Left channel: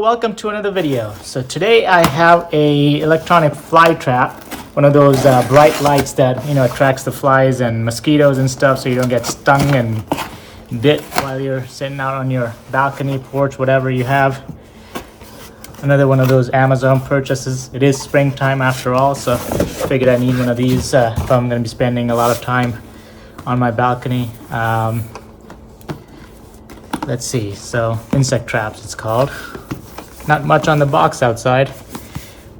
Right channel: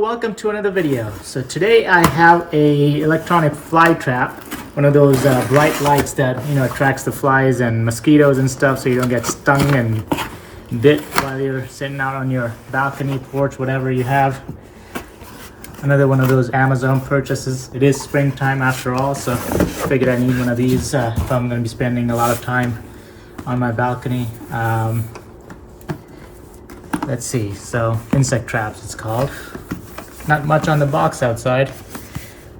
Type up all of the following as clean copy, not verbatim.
welcome to another video. So today I have a electronic fly trap, one of those bright lights that attracts the flies and mosquitoes and stuff, so you don't get stung and bit while you're sitting out on your balcony, porch, whatever you have. Another one of those Amazon purchases. It is springtime after all, so figured I need one of these if I'm going to be spending a lot of time on my balcony. Let's see, so insect traps it's called. Not much on the box outside.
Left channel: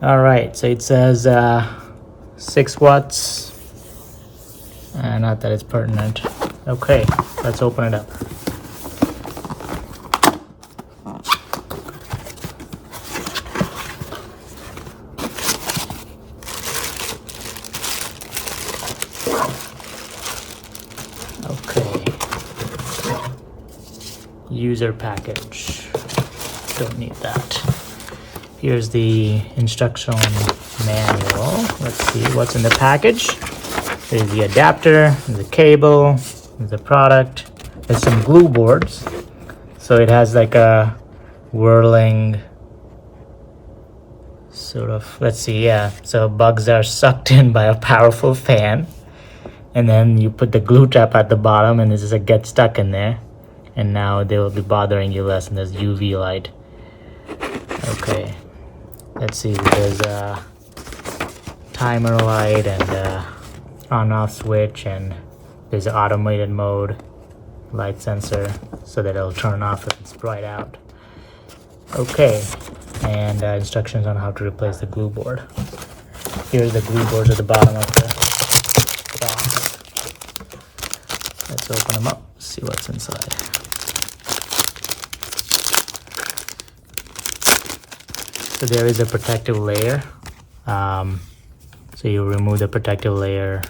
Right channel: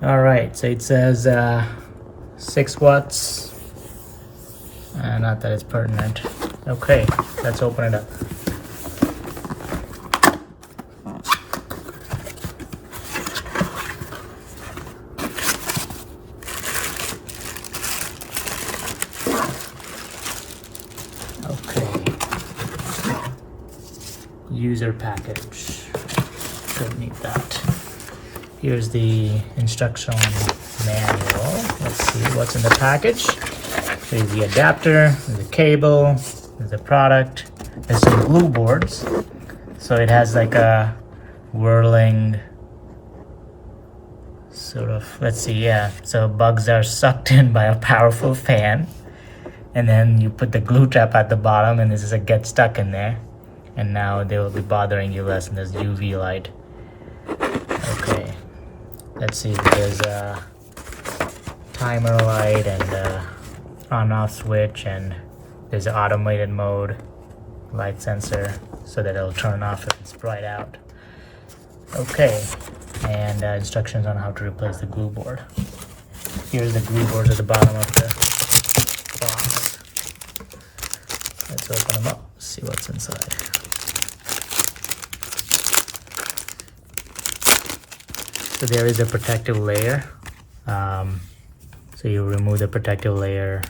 All right, so it says 6 watts. Not that it's pertinent. Okay, let's open it up. Okay. User package. Don't need that. Here's the instruction manual. Let's see what's in the package. There's the adapter, there's the cable, there's the product. There's some glue boards. So it has like a whirling sort of, let's see, yeah. So bugs are sucked in by a powerful fan. And then you put the glue trap at the bottom and this is a get stuck in there. And now they will be bothering you less, and there's UV light. Okay, let's see, there's a timer light and a on-off switch, and there's an automated mode light sensor so that it'll turn off if it's bright out. Okay, and instructions on how to replace the glue board. Here's the glue boards at the bottom of the box. Let's open them up, see what's inside. So there is a protective layer. So you remove the protective layer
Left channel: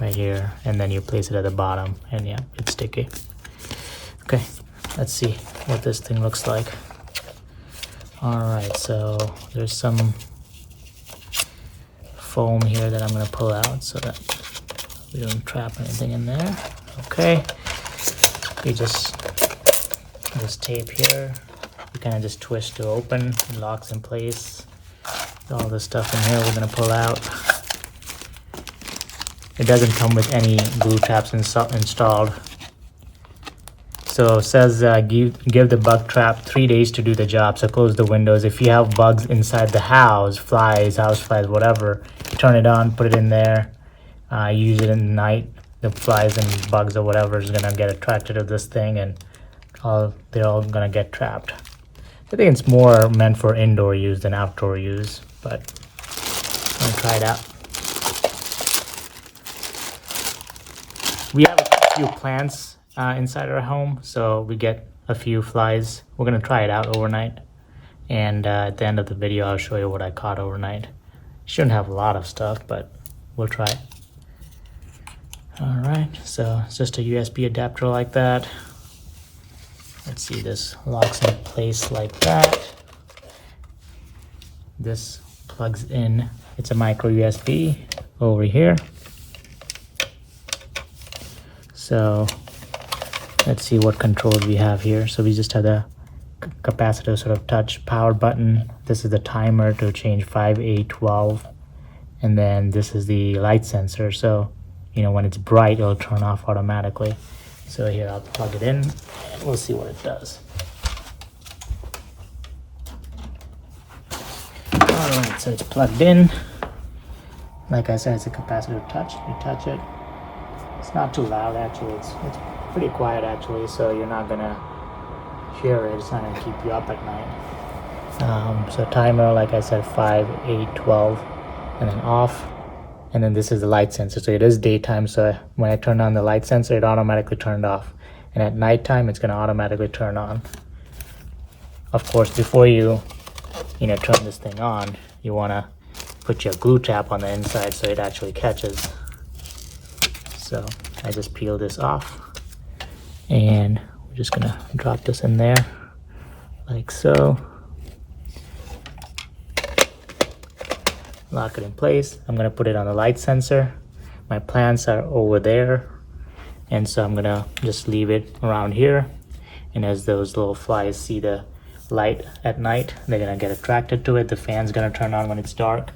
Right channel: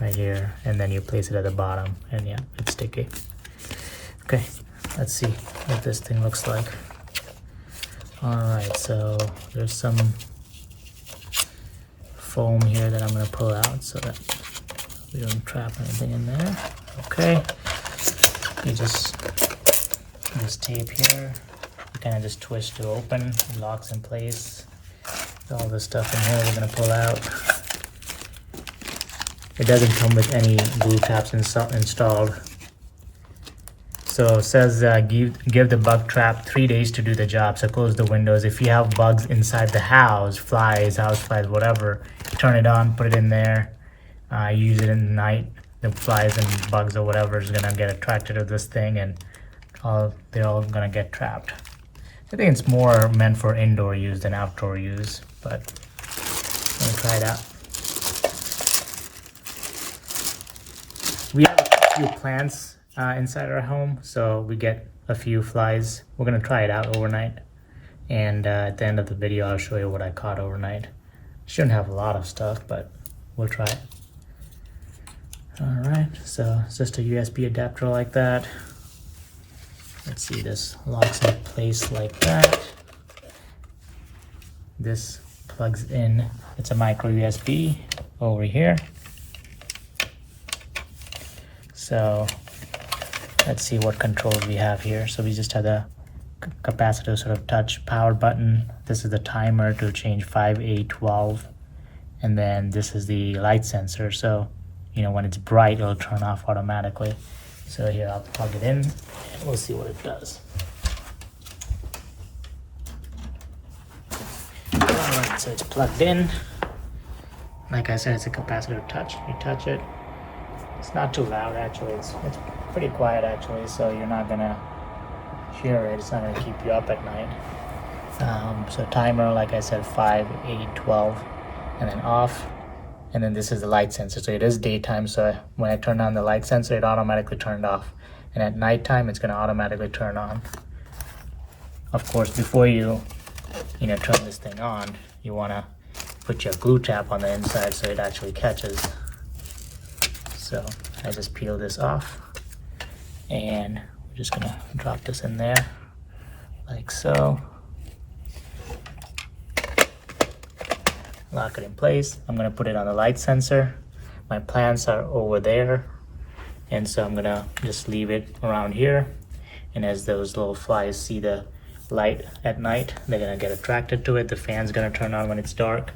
right here, and then you place it at the bottom, and yeah, it's sticky. Okay, let's see what this thing looks like. All right, so there's some foam here that I'm gonna pull out so that we don't trap anything in there. Okay, you just this tape here. You kind of just twist to open, it locks in place. All the stuff in here we're gonna pull out. It doesn't come with any glue traps installed. So it says give the bug trap 3 days to do the job. So close the windows. If you have bugs inside the house, flies, house flies, whatever, turn it on, put it in there, use it in the night. The flies and bugs or whatever is gonna get attracted to this thing, and they're all gonna get trapped. I think it's more meant for indoor use than outdoor use, but let me try it out. We have a few plants inside our home, so we get a few flies. We're gonna try it out overnight, and at the end of the video I'll show you what I caught overnight. Shouldn't have a lot of stuff, but we'll try it. All right, so it's just a USB adapter like that. Let's see, this locks in place like that. This plugs in, it's a micro USB over here. So let's see what controls we have here. So we just have the capacitor sort of touch power button. This is the timer to change 5, 8, 12. And then this is the light sensor. So, when it's bright, it'll turn off automatically. So here, I'll plug it in and we'll see what it does. Alright, so it's plugged in. Like I said, it's a capacitor touch. You touch it. It's not too loud actually. It's pretty quiet actually, so you're not gonna hear it. It's not gonna keep you up at night. So timer, like I said, 5, 8, 12, and then off. And then this is the light sensor. So it is daytime, so when I turn on the light sensor, it automatically turned off. And at nighttime, it's gonna automatically turn on. Of course, before you turn this thing on, you wanna put your glue trap on the inside so it actually catches. So I just peel this off, and we're just gonna drop this in there, like so. Lock it in place. I'm gonna put it on the light sensor. My plants are over there, and so I'm gonna just leave it around here. And as those little flies see the light at night, they're gonna get attracted to it. The fan's gonna turn on when it's dark,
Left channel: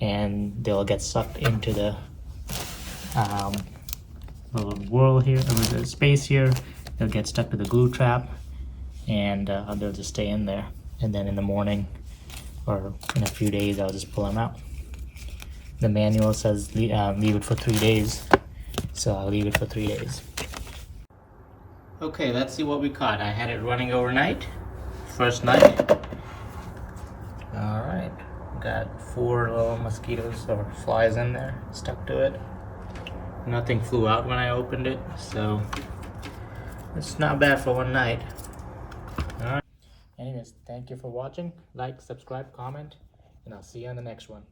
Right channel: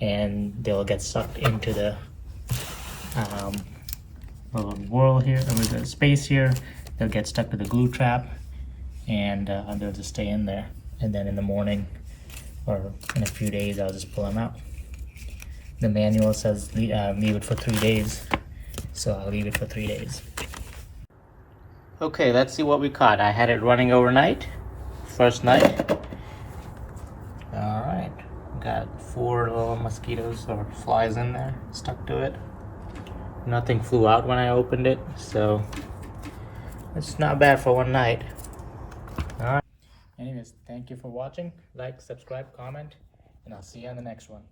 and they'll get sucked into the little whirl here, or the space here. They'll get stuck to the glue trap, and they'll just stay in there. And then in the morning, or in a few days, I'll just pull them out. The manual says leave it for 3 days, so I'll leave it for 3 days. Okay, let's see what we caught. I had it running overnight, first night. All right, got 4 little mosquitoes or flies in there, stuck to it. Nothing flew out when I opened it, so it's not bad for one night. All right. Anyways, thank you for watching. Like, subscribe, comment, and I'll see you on the next one.